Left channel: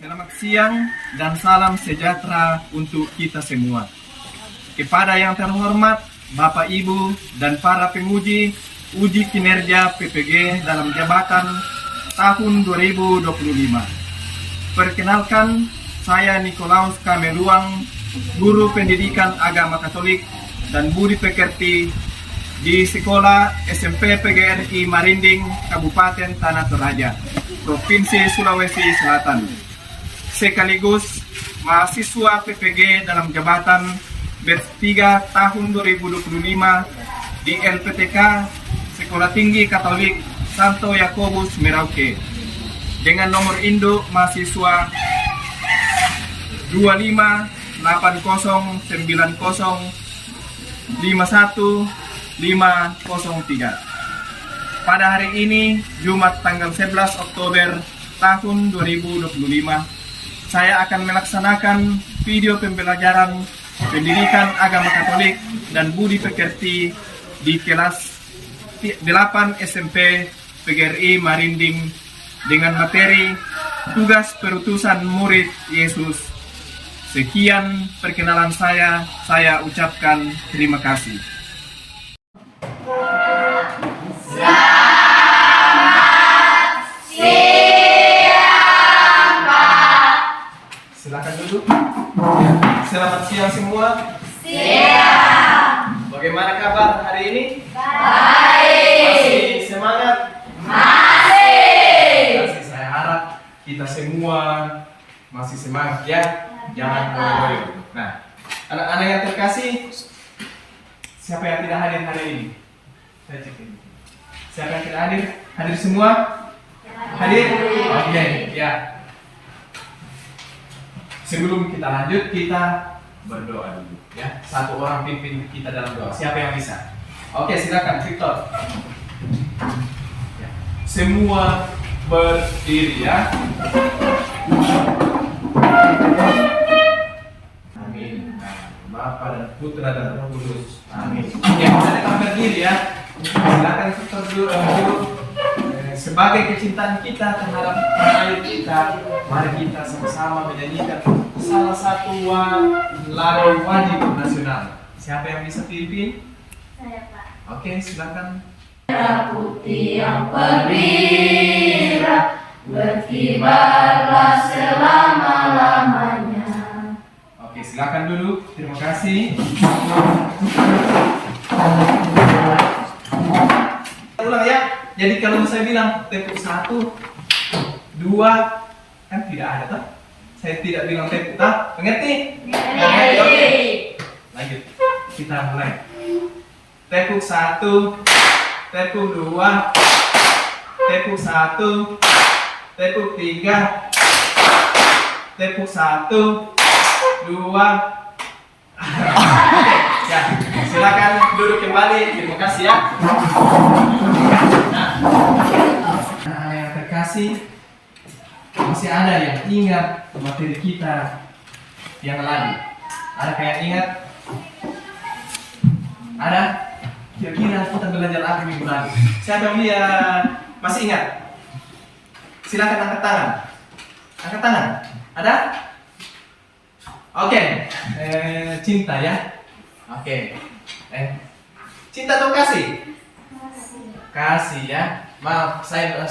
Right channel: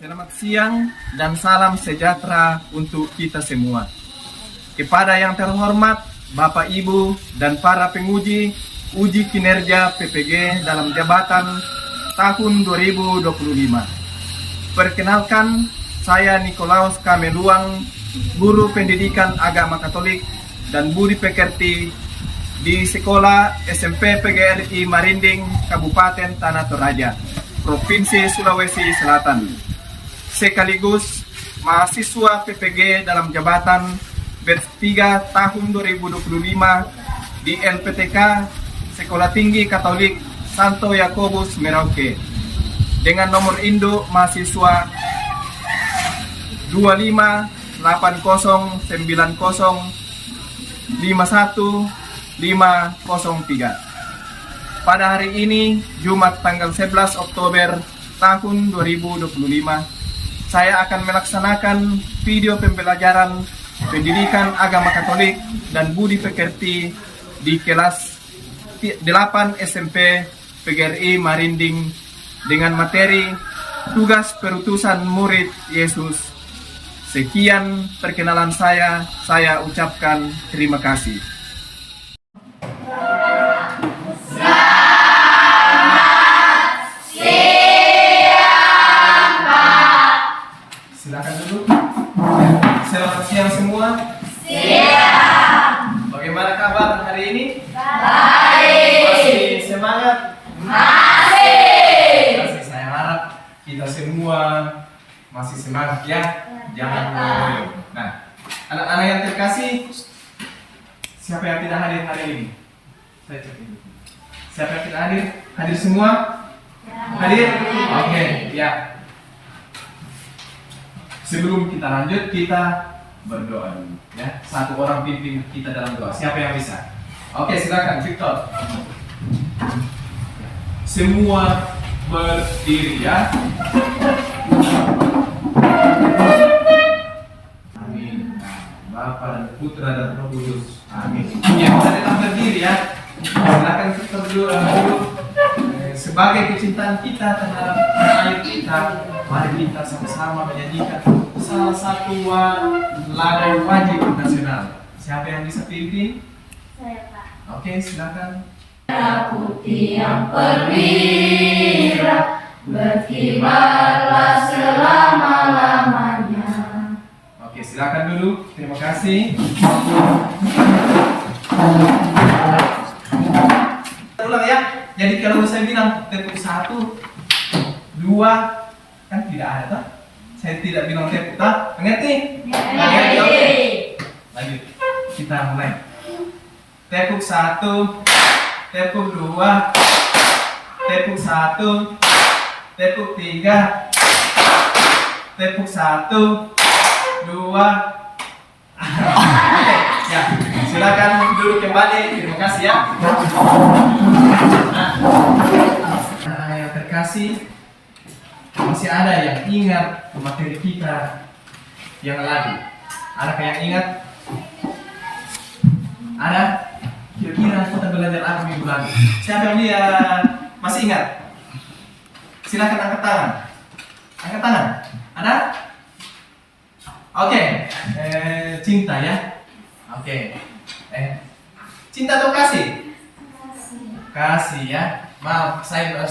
Selamat siang dan salam sejahtera untuk kita semua. Kepada yang terhormat, Bapak Ibu dan para penguji uji kinerja PPG dalam jabatan tahun 2025. Perkenalkan, saya Nikolaus Kameluang, Guru Pendidikan Agama Katolik dan Budi Pekerti di Sekolah SMP PGRI Marinding, Kabupaten Tanah Toraja, Provinsi Sulawesi Selatan. Sekaligus mahasiswa PPG dalam jabatan batch 3 tahun 2025 di LPTK Sekolah Tinggi Katolik Santo Yakobus Merauke dengan nomor induk mahasiswa 258905153. Pada hari ini, Jumat tanggal 11 Oktober tahun 2025, saya akan melaksanakan video pembelajaran pendidikan agama Katolik dan Budi Pekerti di kelas 8 SMP PGRI Marinding dengan materi tugas perutusan murid Yesus. Sekian perkenalan saya ucapkan terima kasih. Silakan duduk. Selamat siang semua. Siang. Bagaimana kabar hari ini? Baik. Masih semangat? Masih. Saya harap kita semua masih semangat ya. Jangan ngoyo. Nah, anak-anak yang terkasih, siapa yang tidak hadir hari ini? Saya cek ini. Siapa yang tidak hadir? Hadir semua? Hadir? Oke, ya. Sebelum kita lanjut, kita berdoa dulu ya. Satu orang pimpin kita dalam doa. Siapa yang bisa? Oke, silakan Victor. Semua berdiri ya. Amin. Bapa dan Putra dan Roh Kudus. Amin. Ya, kita tetap berdiri ya. Silakan Victor dulu. Sebagai kecintaan kita terhadap air kita, mari kita sama-sama menyanyikan salah satu lagu wajib nasional. Siapa yang bisa pimpin? Saya, Pak. Oke, silakan. Merah putih yang perwira, berkibarlah selama-lamanya. Oke, silakan dulu. Terima kasih. Ulang ya. Jadi kalau saya bilang tepuk 1, 2, kan tidak ada toh? Saya tidak bilang tepuk, toh? Mengerti? Mengerti. Lanjut. Kita mulai. Tepuk 1, tepuk 2, tepuk 1, tepuk 3, tepuk 1, 2. Oke, ya. Silakan duduk kembali. Terima kasih ya. Nah, anak-anak yang terkasih, masih ada yang ingat materi kita yang lalu? Ada yang ingat? Ada? Kira-kira kita belajar apa minggu lalu? Siapa yang dia masih ingat? Silakan angkat tangan. Angkat tangan. Ada? Oke. Cinta ya. Oke. Cinta atau kasih? Kasih ya. Maaf, saya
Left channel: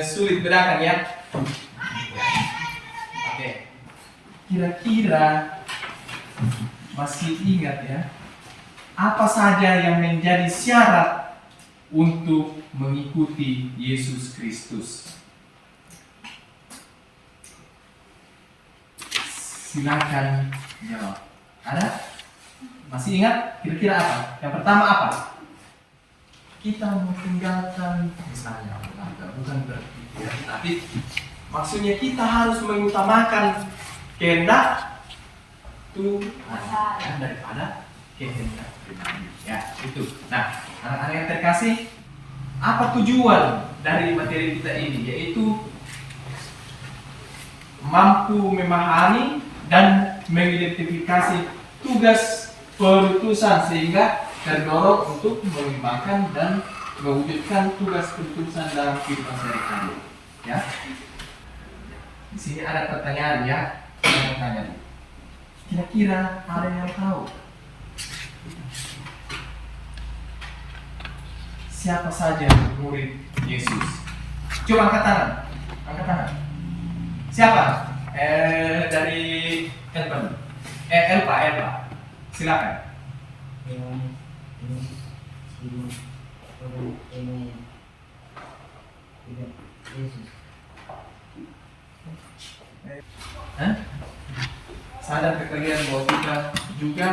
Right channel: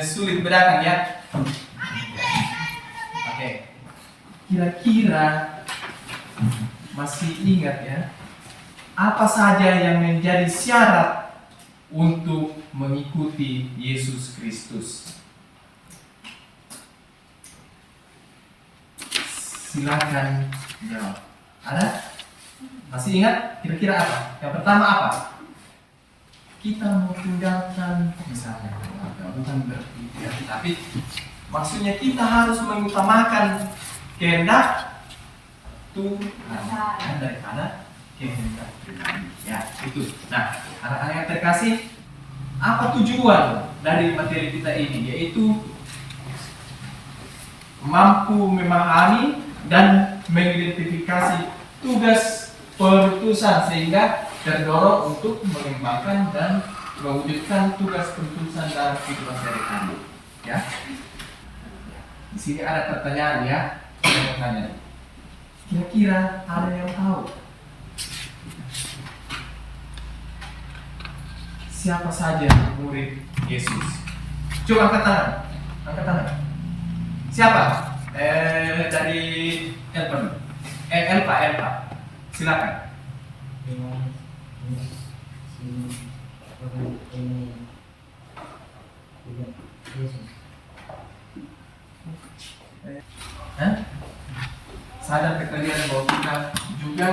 sulit bedakan ya. Oke. Kira-kira masih ingat ya? Apa saja yang menjadi syarat untuk mengikuti Yesus Kristus? Silakan jawab. Ada? Masih ingat? Kira-kira apa? Yang pertama apa? Kita mau tinggalkan misalnya keluarga, bukan berarti ya, tapi maksudnya kita harus mengutamakan kehendak Tuhan ya, daripada kehendak pribadi ya, itu. Nah, anak-anak yang terkasih, apa tujuan dari materi kita ini? Yaitu mampu memahami dan mengidentifikasi tugas perutusan sehingga terdorong untuk mengembangkan dan mewujudkan tugas keputusan dalam kehidupan sehari-hari. Ya. Di sini ada pertanyaan ya. Saya mau tanya. Kira-kira ada yang tahu siapa saja murid Yesus? Coba angkat tangan. Angkat tangan. Siapa? Dari Elpa. Silakan. Sadar kalian bahwa kita juga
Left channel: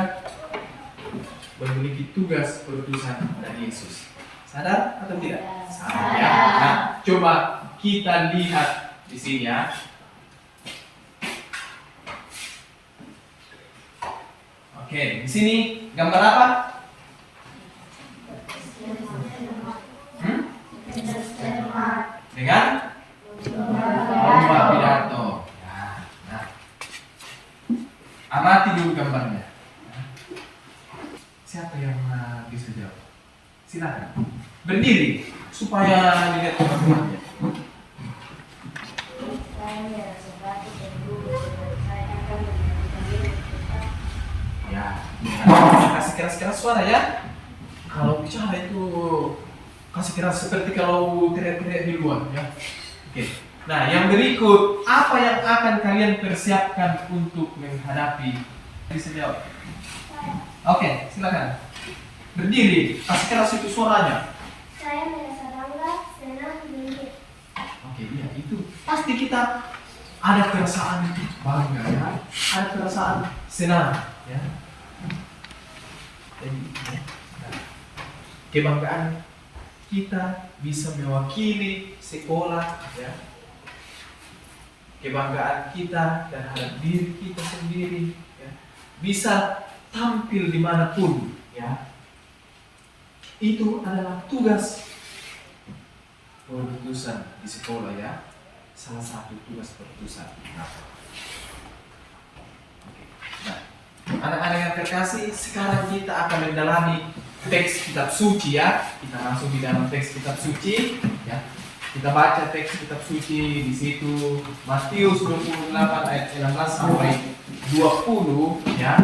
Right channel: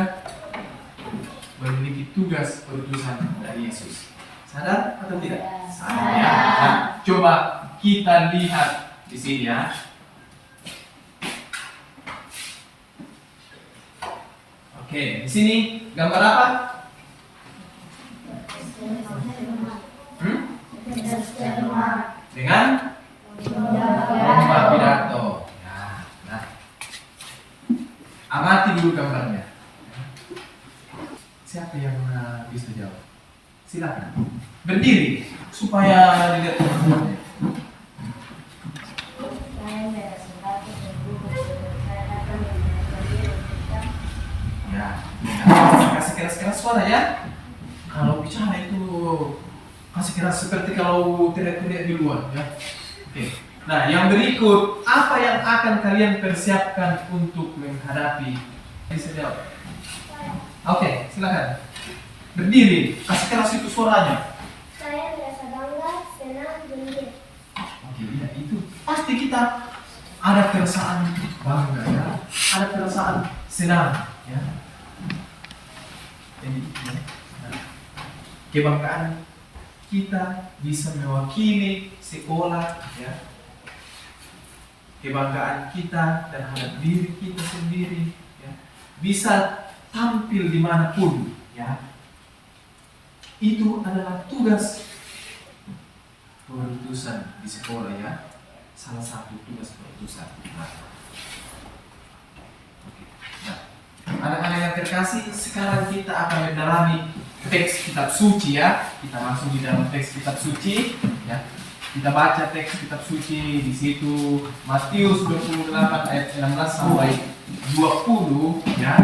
memiliki tugas perutusan dari Yesus. Sadar atau tidak? Sadar ya. Nah, coba kita lihat di sini ya. Oke, di sini gambar apa? Dengan lomba pidato. Nah, amati dulu gambarnya. Siapa yang bisa jawab? Silakan berdiri supaya dilihat teman-temannya. Ya, kasih keras-keras suara ya. Kalau bicara itu kasih keras seperti kalau teriak-teriak di luar ya. Oke. Nah, yang berikut apa yang akan kalian persiapkan untuk menghadapi bisa jawab? Oke, silakan. Berdiri, kasih keras itu suaranya. Saya merasa bangga, senang, gembira. Oke, iya itu. Pasti kita ada perasaan bangga ya, ada perasaan senang ya. Jadi, ya. Nah, kebanggaan kita bisa mewakili sekolah ya. Kebanggaan kita terhadap diri kita sendiri ya. Bisa tampil dimanapun ya. Itu adalah tugas perutusan di sekolah ya. Salah satu tugas perutusan. Nah, anak-anak yang terkasih, sekarang kita akan mendalami teks kitab suci ya. Kita masuk di dalam teks kitab suci ya. Kita baca teks kitab suci di situ Matius 28 ayat 16 sampai 20 ya.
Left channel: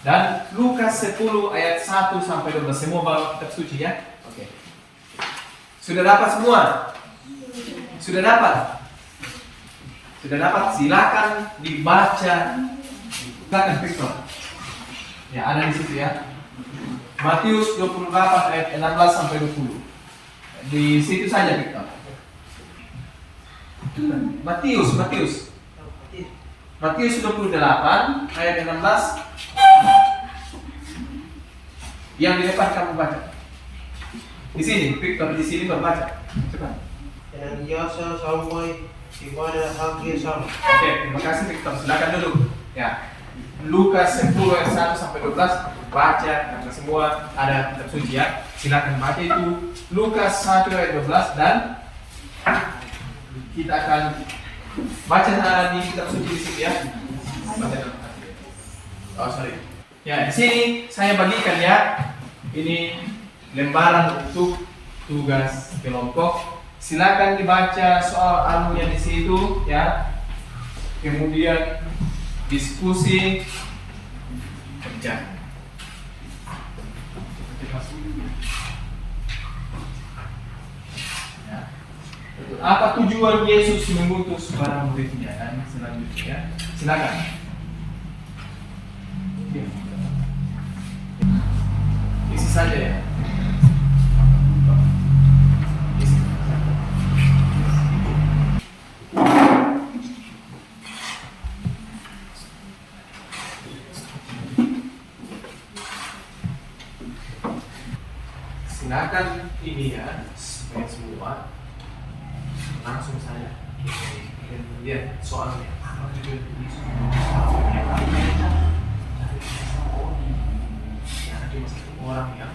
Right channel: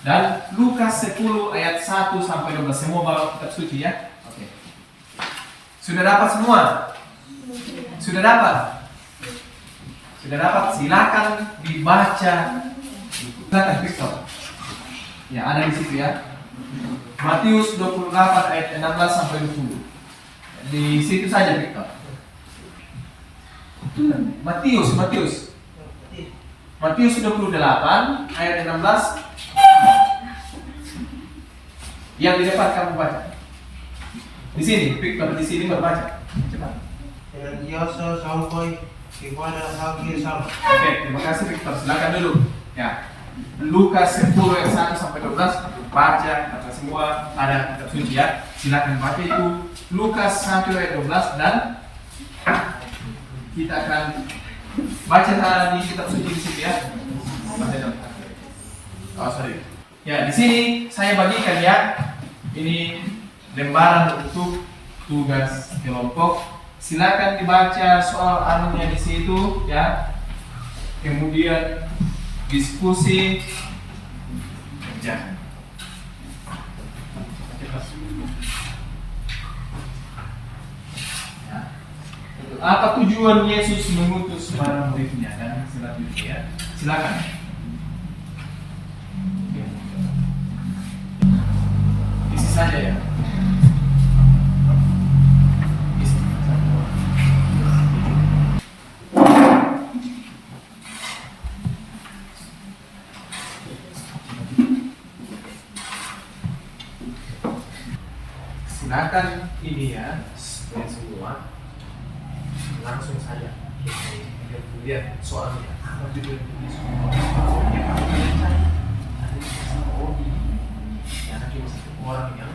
Dan Lukas 10 ayat 1 sampai 12. Semua bawa kitab suci ya. Oke. Sudah dapat semua? Sudah dapat? Sudah dapat? Silakan dibaca. Silakan Victor. Ya, ada di situ ya. Matius 28 ayat 16 sampai 20. Di situ saja Victor. Matius 28 ayat 16. Yang di depan kamu baca. Di sini, Victor di sini berbaca. Cepat. Yang biasa sampai kepada akhir zaman. Oke, terima kasih Victor. Silakan dulu. Ya. Lukas 10 ayat 1 sampai 12 baca, karena semua ada kitab suci ya. Silakan baca itu Lukas 1 ayat 12 dan kita akan baca di kitab suci di situ ya. Baca dalam. Oh, sorry. Ya, di sini saya bagikan ya. Ini lembaran untuk tugas kelompok. Silakan dibaca soal anunya di situ ya. Kemudian diskusi kerja. Ya. Apa tujuan Yesus mengutus para muridnya dan selanjutnya ya. Silakan. Isi saja ya. Isi. Silakan ini ya, semua langsung saja lihat soalnya apa tujuan Yesus. Jangan cuma satu orang yang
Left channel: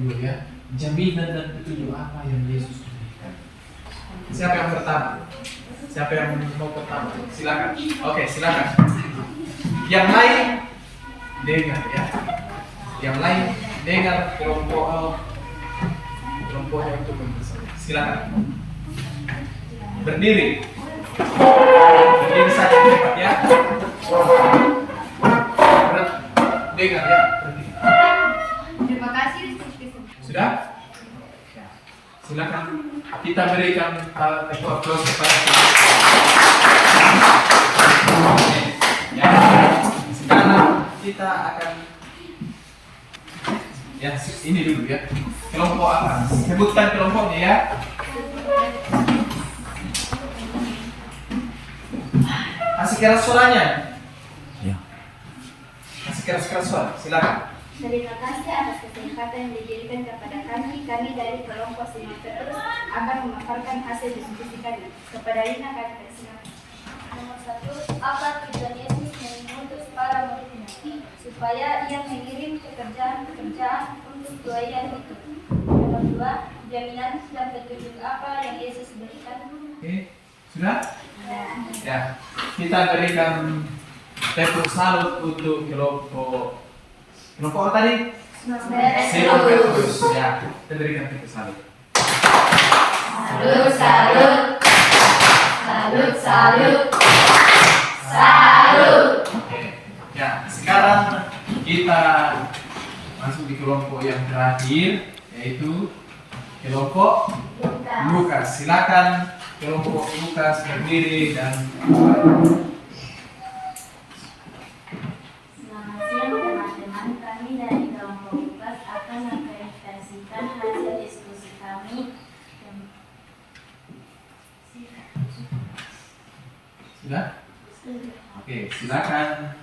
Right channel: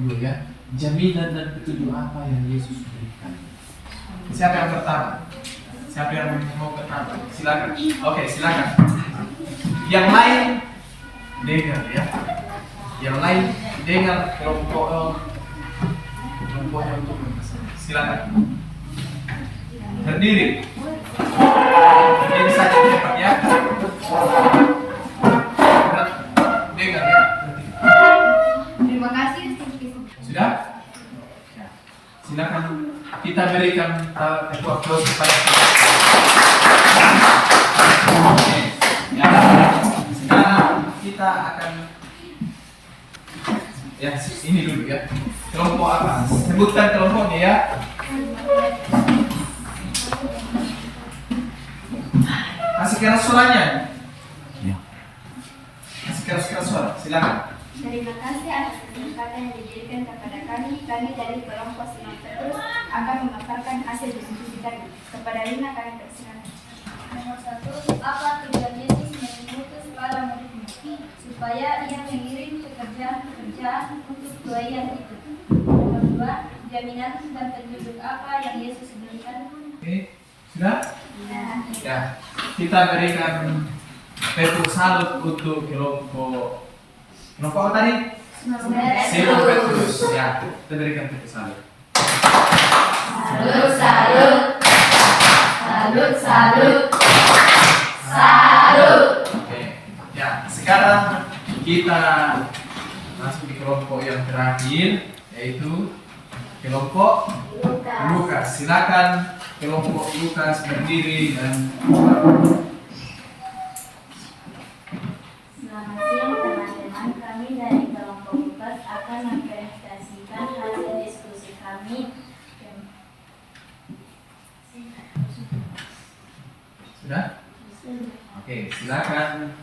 dulu ya, jaminan dan petunjuk apa yang Yesus berikan. Siapa yang pertama? Siapa yang mau pertama? Silakan. Oke, silakan. Yang lain dengar ya. Yang lain dengar kelompoknya untuk membesar. Silakan. Berdiri. Berdiri saja cepat ya. Dengar ya. Berdiri. Terima kasih. Sudah? Silakan kita berikan tepuk aplaus kepada ya. Sekarang kita akan ya ini dulu ya. Kelompok apa? Sebutkan kelompoknya ya. Kasih keras suaranya. Ya. Kasih keras suara. Silakan. Terima kasih atas kesempatan yang diberikan kepada kami. Kami dari kelompok Simon Petrus akan memaparkan hasil diskusi kami. Kepada Lina kami persilakan. Nomor 1, apa tujuan Yesus mengutus para muridnya? Supaya ia mengirim pekerjaan untuk doa itu. Nomor 2, jaminan sudah terwujud apa yang Yesus berikan? Oke, sudah? Ya, kita berikan tepuk salut untuk kelompok apa tadi? Simon Petrus. Ya, kita berikan tepuk salut. Salut, salut. Salut, salut. Salut. Oke, ya sekarang kita masuk di kelompok yang terakhir, yaitu kelompok Lukas. Silakan kelompok Lukas berdiri dan Selamat siang teman-teman, kami dari kelompok Lukas akan mempresentasikan hasil diskusi kami. sudah? Oke, silakan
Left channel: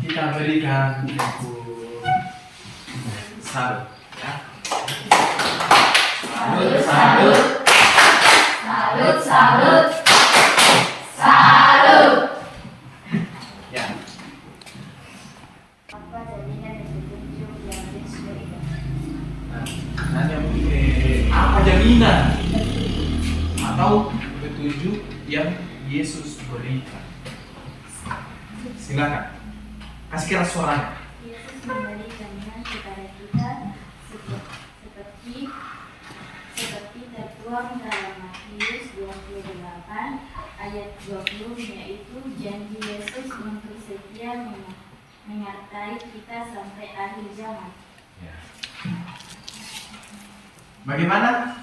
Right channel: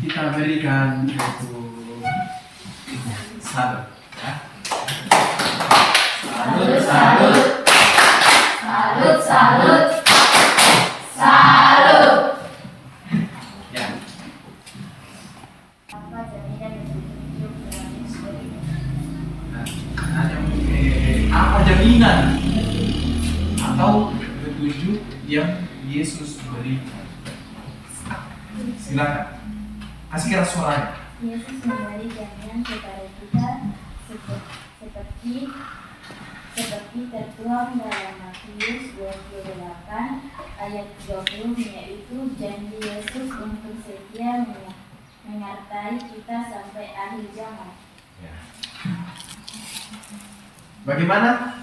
kita berikan tepuk salut. Ya. Salut, salut. Salut, salut. Salut. Ya. Apa jaminan dan petunjuk yang Yesus berikan? Hanya apa jaminan atau petunjuk yang Yesus berikan? Silakan. Kasih keras suaranya. Yesus memberi jaminan kepada kita seperti tertuang dalam Matius 28 ayat 20, yaitu janji Yesus untuk setia menyertai kita sampai akhir zaman. Ya. Bagaimana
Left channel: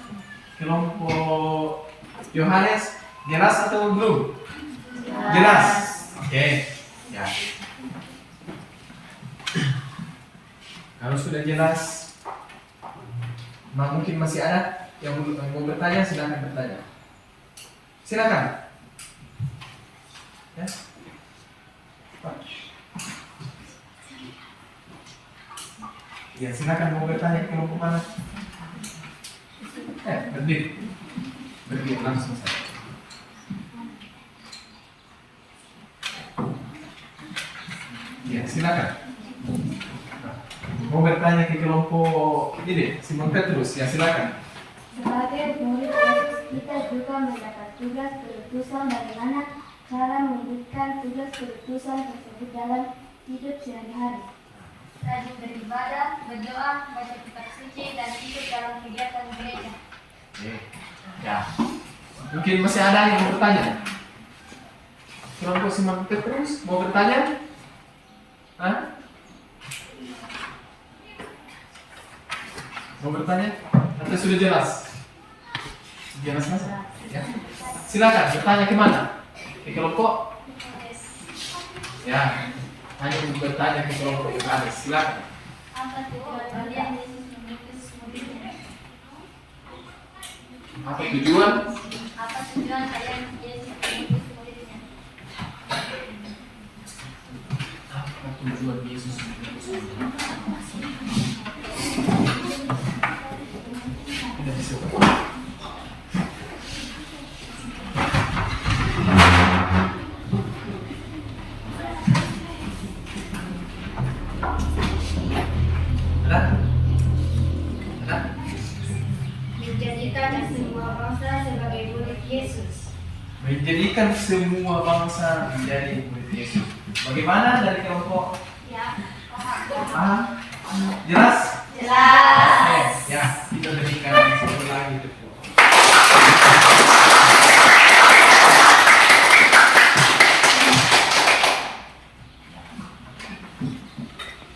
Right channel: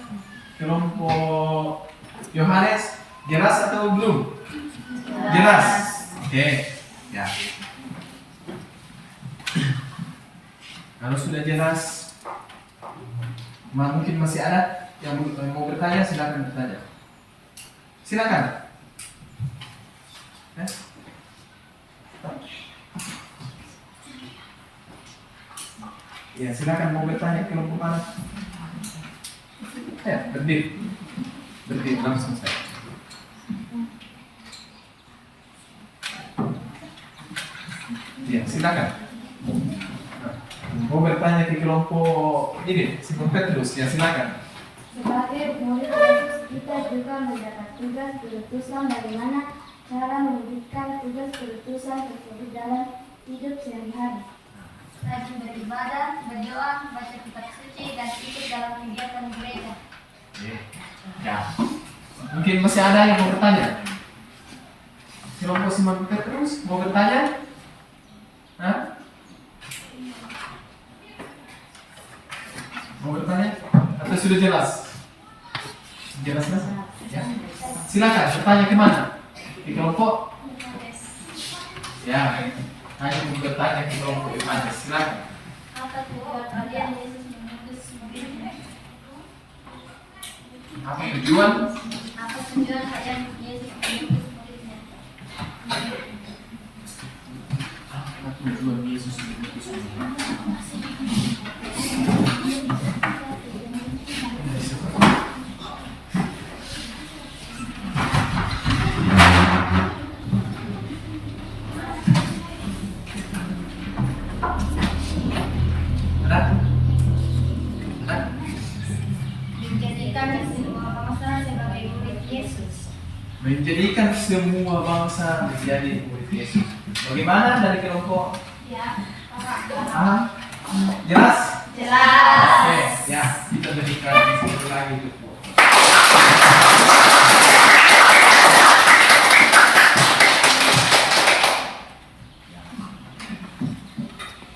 kelompok Yohanes? Jelas atau belum? Jelas. Oke. Ya. Kalau sudah jelas, mungkin masih ada yang mau bertanya, silakan bertanya. Silakan. Ya, silakan mau bertanya ke kelompok mana? Berdiri. Berdiri langsung saja. Ya, silakan. Mau bertanya ke kelompok ini, Simon Petrus, ya silakan. Sebagai murid Yesus, kita juga mendapat tugas berutusan bagaimana cara mewujudkan tugas berutusan tersebut dalam hidup sehari-hari. Rajin beribadah, berdoa, baca kitab suci, dan ikut dalam kegiatan gereja. Ya. Mungkin masih ada yang mau bertanya. Kelompok Simon Petrus mau bertanya? Hah? Mau bertanya? Atau sudah jelas? Jelas mas? Ya. Silakan bertanya ke mana? Ke kelompok? Ya. Hanya bertanya ke kelompok Yohanes. Silakan. Apa tujuan kalian Yesus mengutus muridnya? Apa tujuan? Apa tujuan kalian Yesus mengutus muridnya? Apa tujuan Yesus mengutus muridnya? Menjadikan semua bangsa menjadi murid Yesus. Bagaimana dari kelompok Ya, Paham? Jelas? Jelas. Oke, ya kita berikan satu lagi tuh.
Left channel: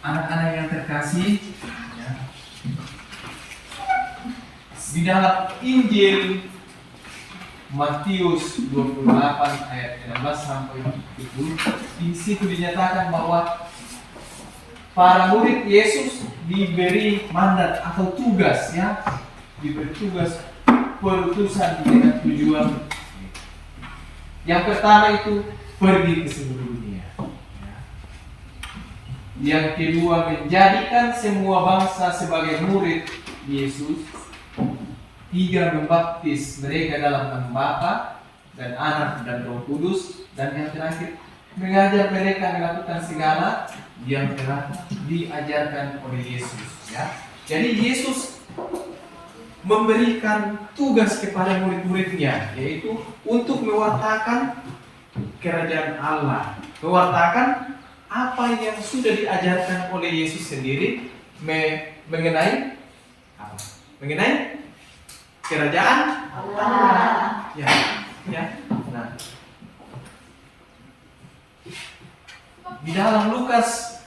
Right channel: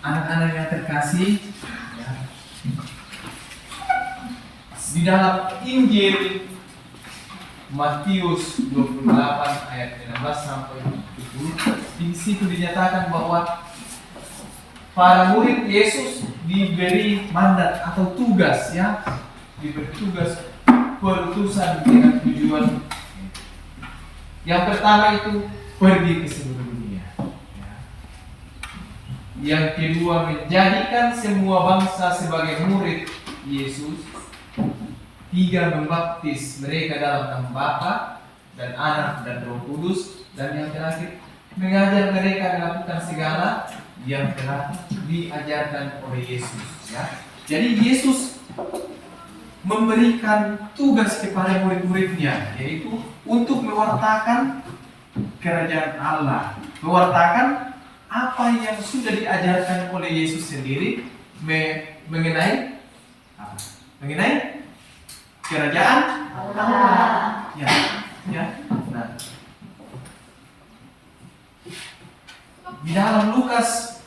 Anak-anak yang terkasih, ya. Di dalam Injil Matius 28 ayat 16 sampai 20, di situ dinyatakan bahwa para murid Yesus diberi mandat atau tugas, ya, diberi tugas perutusan dengan tujuan. Yang pertama itu pergi ke seluruh dunia. Ya. Yang kedua menjadikan semua bangsa sebagai murid Yesus. Tiga, membaptis mereka dalam nama Bapa dan Anak dan Roh Kudus. Dan yang terakhir, mengajar mereka melakukan segala yang telah diajarkan oleh Yesus. Ya. Jadi Yesus memberikan tugas kepada murid-muridnya, yaitu untuk mewartakan kerajaan Allah, mewartakan apa yang sudah diajarkan oleh Yesus sendiri mengenai apa? Mengenai kerajaan Allah. Ya, ya. Nah, di dalam Lukas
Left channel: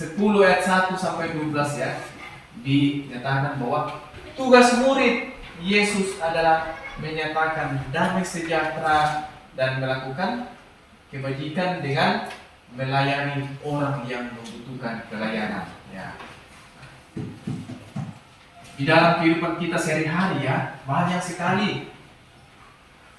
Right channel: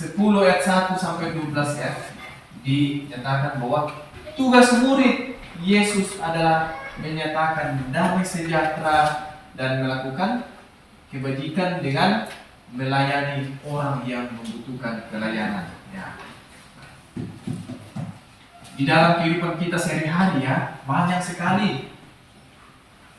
10 ayat 1 sampai 12 ya, dinyatakan bahwa tugas murid Yesus adalah menyatakan damai sejahtera dan melakukan kebajikan dengan melayani orang yang membutuhkan pelayanan. Ya. Di dalam kehidupan kita sehari-hari ya, banyak sekali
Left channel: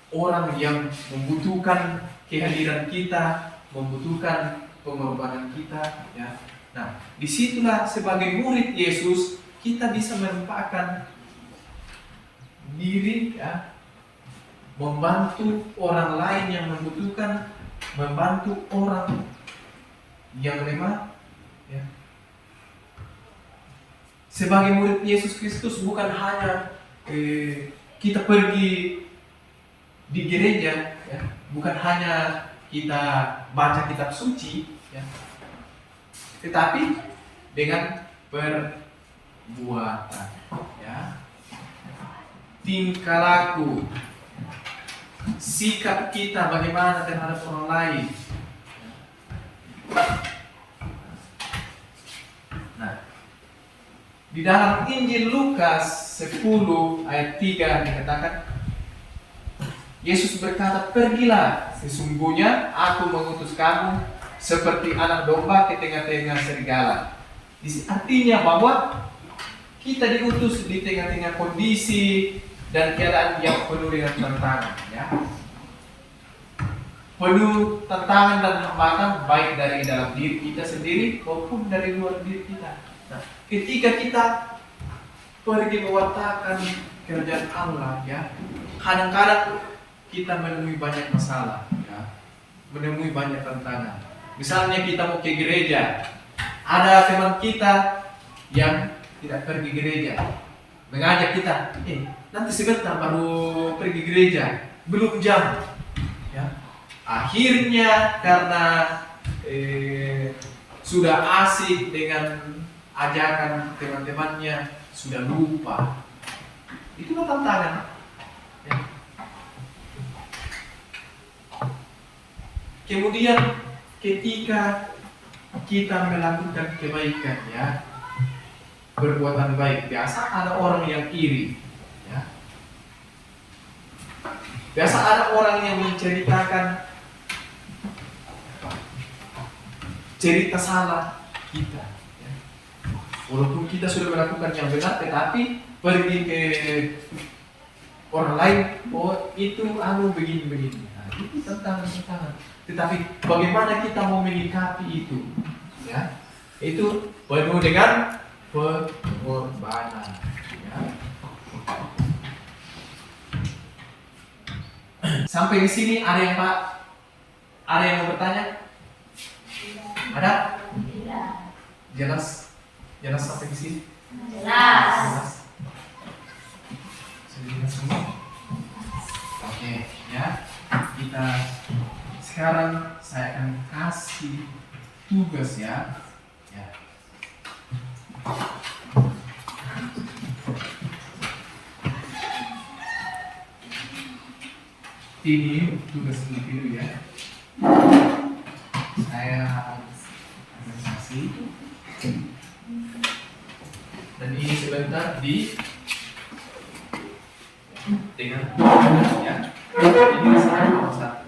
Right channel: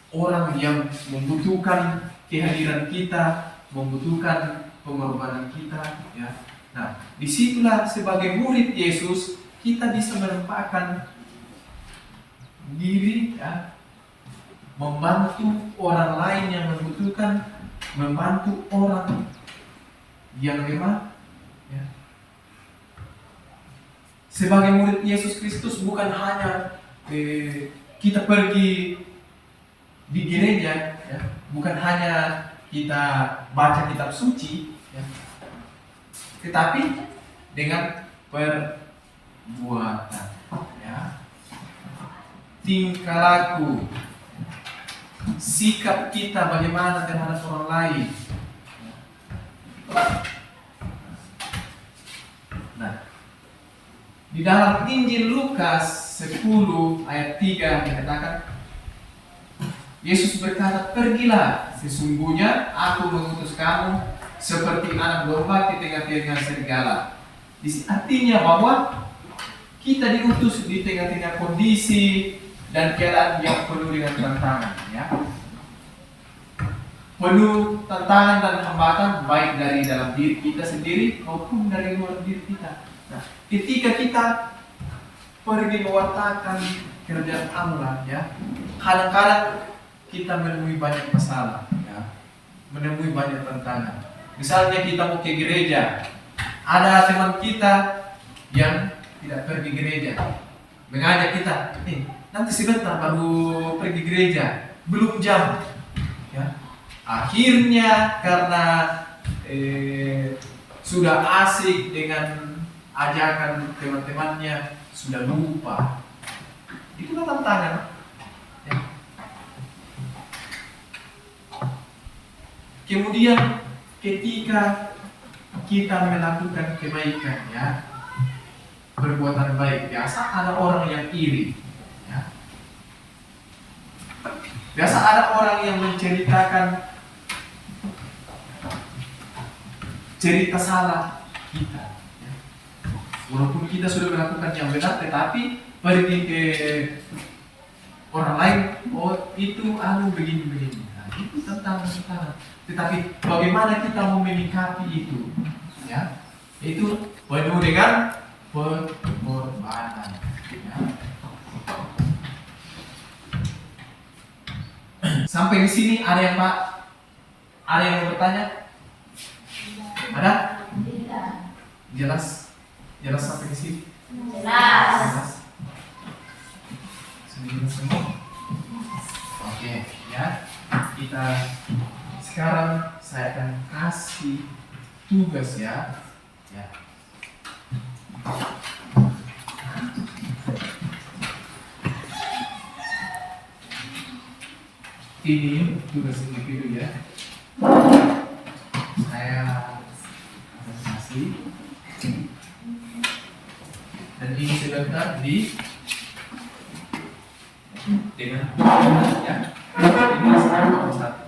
orang yang membutuhkan kehadiran kita, membutuhkan pengorbanan kita. Ya. Nah, disitulah sebagai murid Yesus kita bisa menempatkan diri, ya, membantu orang lain yang membutuhkan, membantu orang yang lemah. Ya. Sebagai murid Yesus Kristus bukan hanya kita pergi di gereja, ya, bukan hanya kita baca kitab suci, ya, tetapi dengan perbuatan, ya, tingkah laku, sikap kita bagaimana terhadap orang lain. Nah, di dalam Injil Lukas 10 ayat 3 dikatakan, Yesus berkata, pergilah, sesungguhnya aku mengutus kamu seperti anak domba ke tengah-tengah serigala. Artinya bahwa kita diutus di tengah-tengah kondisi dan keadaan yang penuh dengan tantangan, ya. Penuh tantangan dan hambatan baik dari dalam diri kita sendiri maupun dari luar diri kita. Nah, ketika kita pergi mewartakan kerajaan Allah, ya, kadang-kadang kita menemui banyak masalah, ya, menemui banyak tantangan. Misalnya kita mau ke gereja, ada teman kita yang tidak pergi gereja, mengajak kita, nanti sebentar baru pergi gereja, belum jam, ya. Akhirnya karena sudah asik dengan ajakan teman-temannya, sudah lupa. Itulah tantangan, ya. Kemudian ketika kita melakukan kebaikan, ya, perbuatan baik, biasa ada orang yang iri, ya. Biasa ada orang yang menceritakan cerita salah kita, ya. Walaupun kita sudah melakukan yang benar, tetapi pergi ke orang lain, oh itu begini. Nah, itu tantangan. Tetapi bagaimana kita mau menyikapi itu, ya? Itu penuh dengan pengorbanan, ya. Sampai di sini ada yang mau bertanya? Ada? Jelas sampai di sini? Jelas. Sudah jelas semua? Oke, ya. Kita sekarang saya akan kasih tugas, ya. ini tugas individu ya. Saya akan kasih. Dan ini sebentar di dengan ya. Ini 1,1.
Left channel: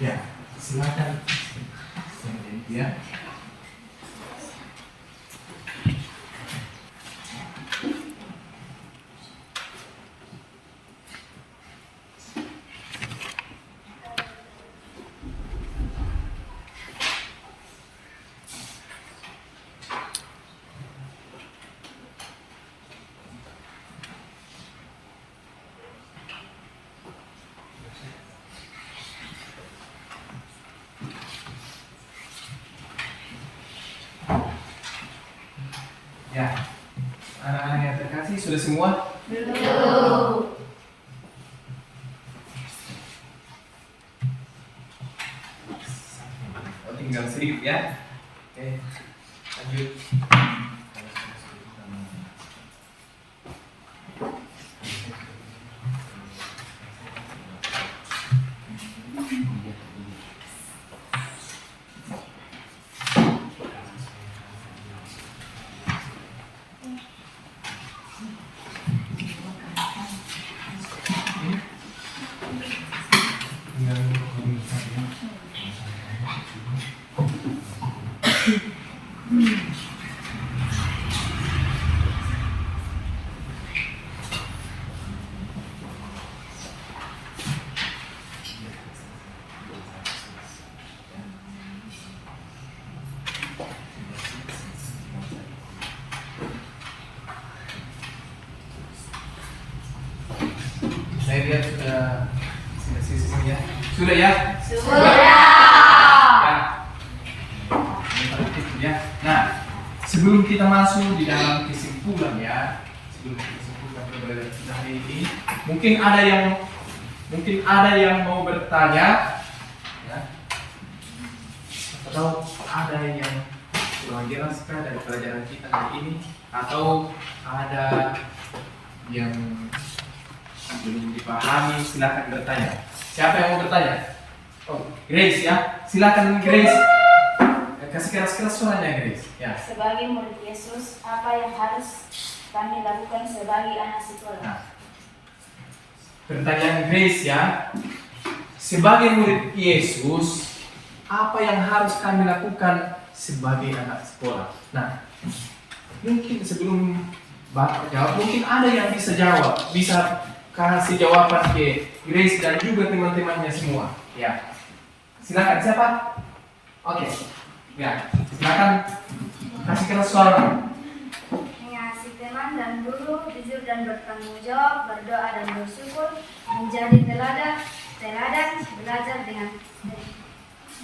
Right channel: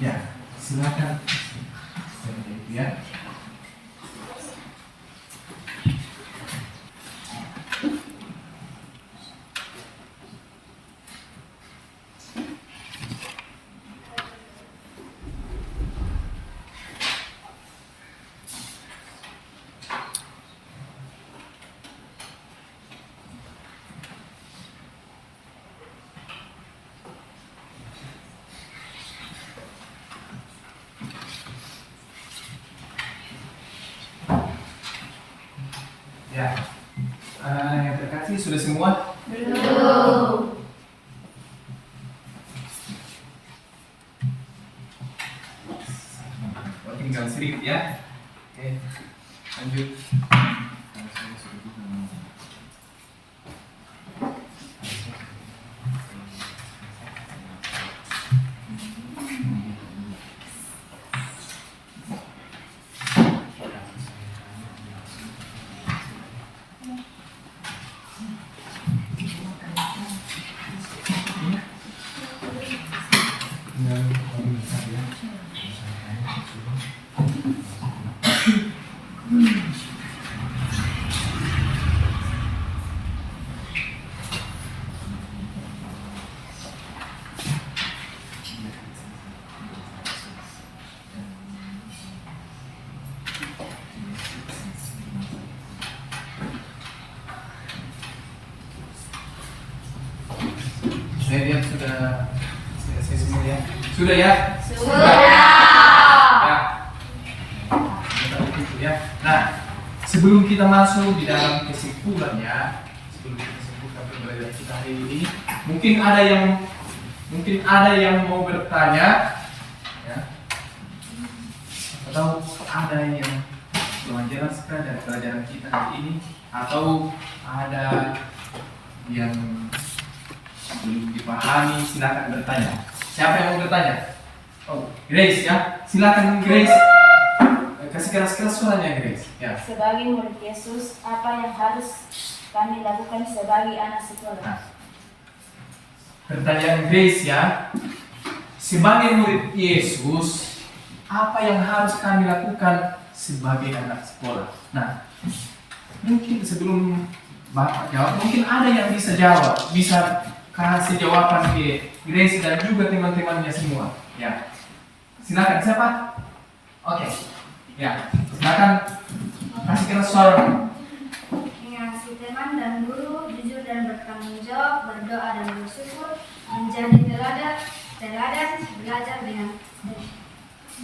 Ya, silakan. Ya. Ya, yang terkasih sudah semua? Belum. Oh, tinggal sedikit ya. Oke, lanjut. Saya lihat sudah selesai semua ya. Sudah ya? Sudah. Ya. Nah, sebelum kita masuk di dalam kesimpulan ya, sebelum kita simpulkan pembelajaran kita hari ini, mungkin ada yang mau bertanya, ya, atau ada yang kurang jelaskan dari pelajaran kita hari ini, atau ada yang belum dipahami, silakan bertanya. Siapa yang mau bertanya? Oh, Grace ya, silakan Grace. Kasih keras-keras suaranya Grace. Ya. Sebagai murid Yesus, apa yang harus kami lakukan sebagai anak sekolah? Nah, pertanyaan Grace ya. Sebagai murid Yesus, apa yang harus kami lakukan sebagai anak sekolah? Nah, mungkin sebelum Bapak jawab, mungkin ada yang bisa jawab, bisa kasih jawaban ke Grace dan juga teman-temannya semua. Ya, silakan siapa? Oke, ya, silakan kasih keras suara. Mengasihi teman dan guru, jujur dan bertanggung jawab, berdoa dan bersyukur, menjadi teladan, belajar dengan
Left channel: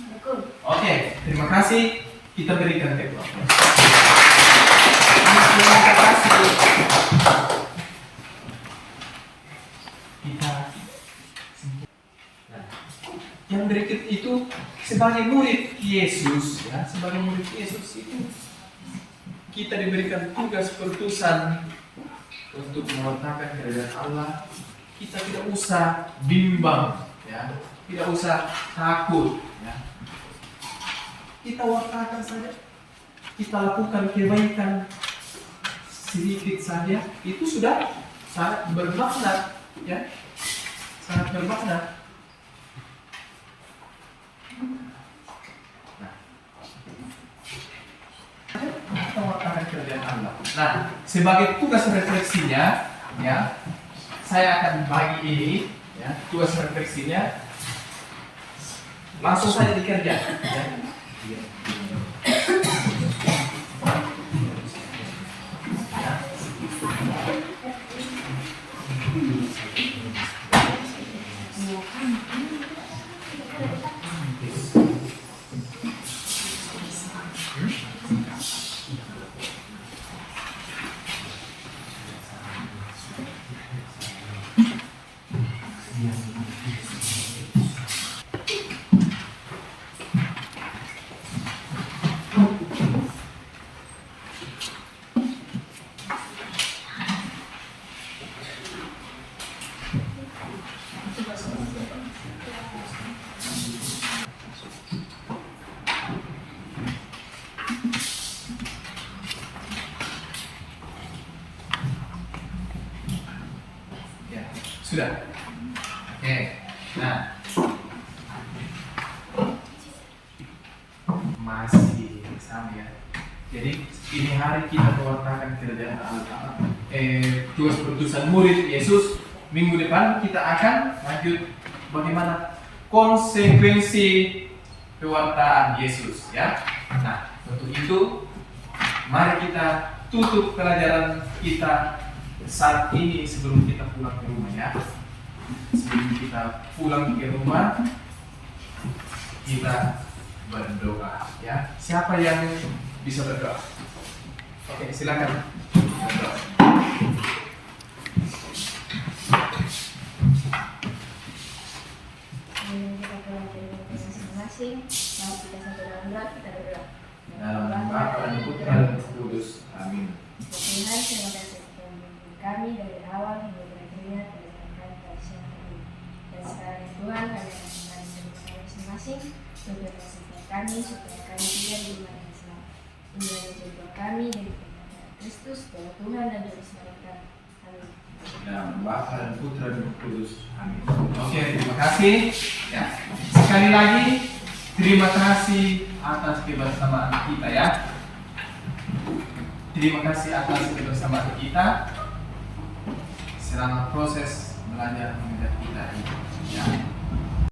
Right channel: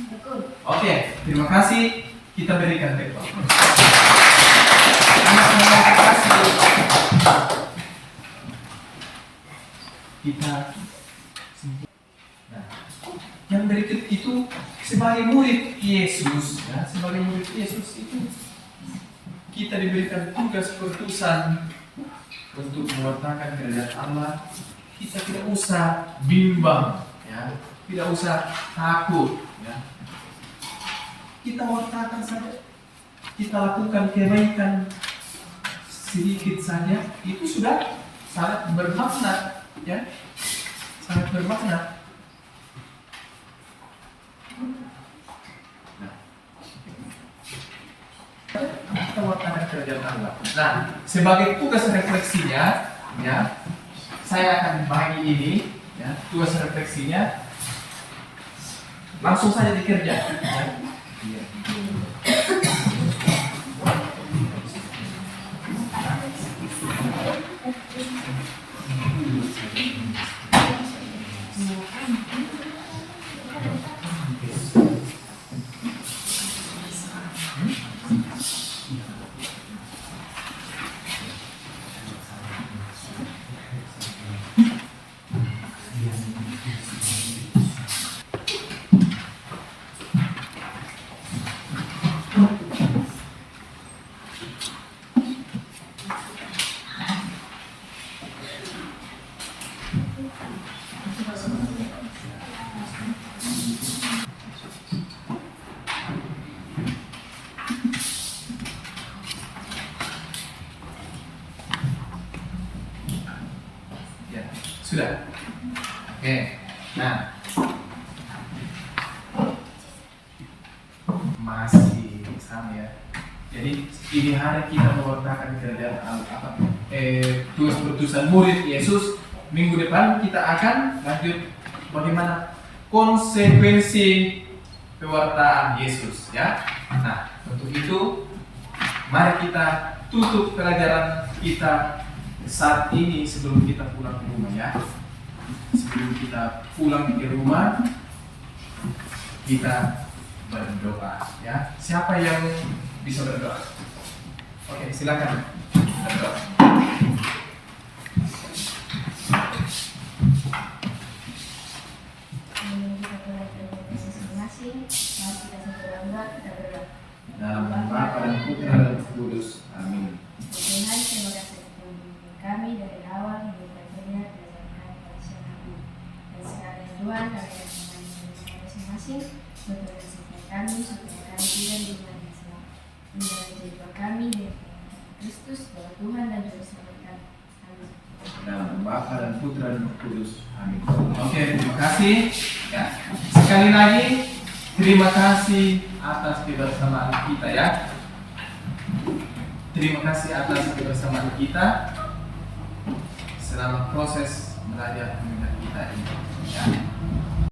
tekun. Oke, terima kasih. Kita berikan tepuk. Terima kasih. Kita. Nah, yang berikut itu sebagai murid Yesus, ya, sebagai murid Yesus itu kita diberikan tugas perutusan untuk mewartakan kerajaan Allah. Kita tidak usah bimbang, ya, tidak usah takut, ya. Kita wartakan saja. kita lakukan kebaikan sedikit saja, itu sudah sangat bermakna, ya, sangat bermakna. Nah, kita melakukan kerjaan Allah. Nah, sebagai tugas refleksinya, ya, saya akan bagi ini, ya, tugas refleksinya langsung saja dikerja. Ya. Ya, sudah. Oke. Nah, masih sama ya. Jadi ini hari kita mewartakan kerjaan tugas perutusan murid Yesus. Minggu depan kita akan lanjut bagaimana konsekuensi pewartaan Yesus, ya. Nah, untuk itu mari kita tutup pelajaran kita saat ini sebelum kita pulang ke rumah, ya. Sebelum kita pulang ke rumah, kita berdoa, ya. Siapa yang bisa berdoa? Oke, silakan berdoa. Kita pulang ke rumah masing-masing. Mari kita sambil berdoa, kita berdoa. Dalam nama Bapa dan Putra dan Roh Kudus. Amin. Tuhan, terima kasih telah membimbing kami dari awal hingga berakhirnya pelajaran kami pada siang hari ini. Dan sekarang ya Tuhan, kami akan kembali ke rumah kami masing-masing untuk bersihkan kami supaya kami tidak di rumah yang selamat. Inilah menjadi doa kami dari pengantaran Kristus, bahwa Tuhan dan Juru Selamat kami. Amin. Dalam nama Bapa dan Putra dan Roh Kudus. Amin. Oke, terima kasih. Ya, sekali lagi terima kasih atas kebersamaan kita, ya. Terima kasih atas kebersamaan kita selama proses belajar mengajar kita ini, ya.